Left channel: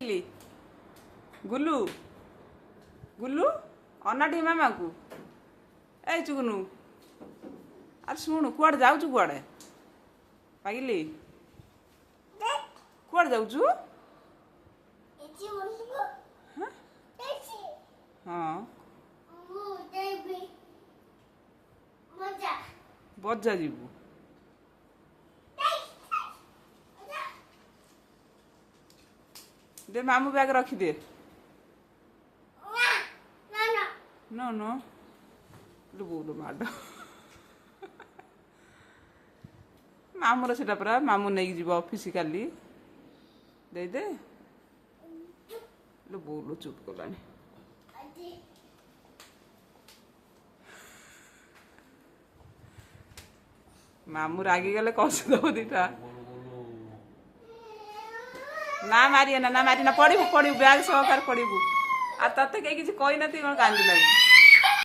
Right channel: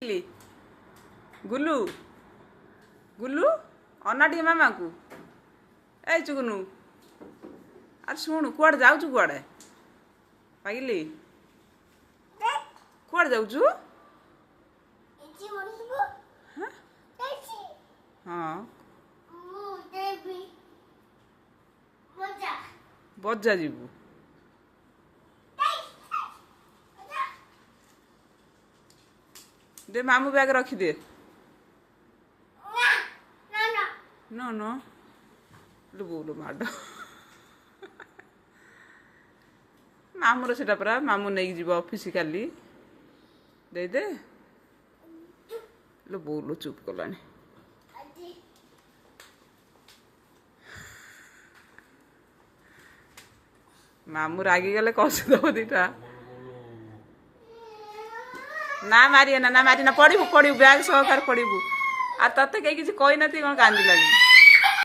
ली गुलू गुलू अना टी मामा को ए चुगनू अरे शुणु कुआड़े जाऊँ कुआड़े पागिली कुआड़े जाऊँ हाँ बजा जीवु दे मामू बैग रखी दे नो नो बोलो माड मामूर से परा मामू नहीं जीव ऑफिस काली दे दे लो बोलो चुप कलानी मामू रागी गले कस दब दीटा ना मारिए ना मारी ना पड़ू पड़ू बैग सहकार पड़ू आ तते कहीं किसी कही ना कौन कांदी लगी।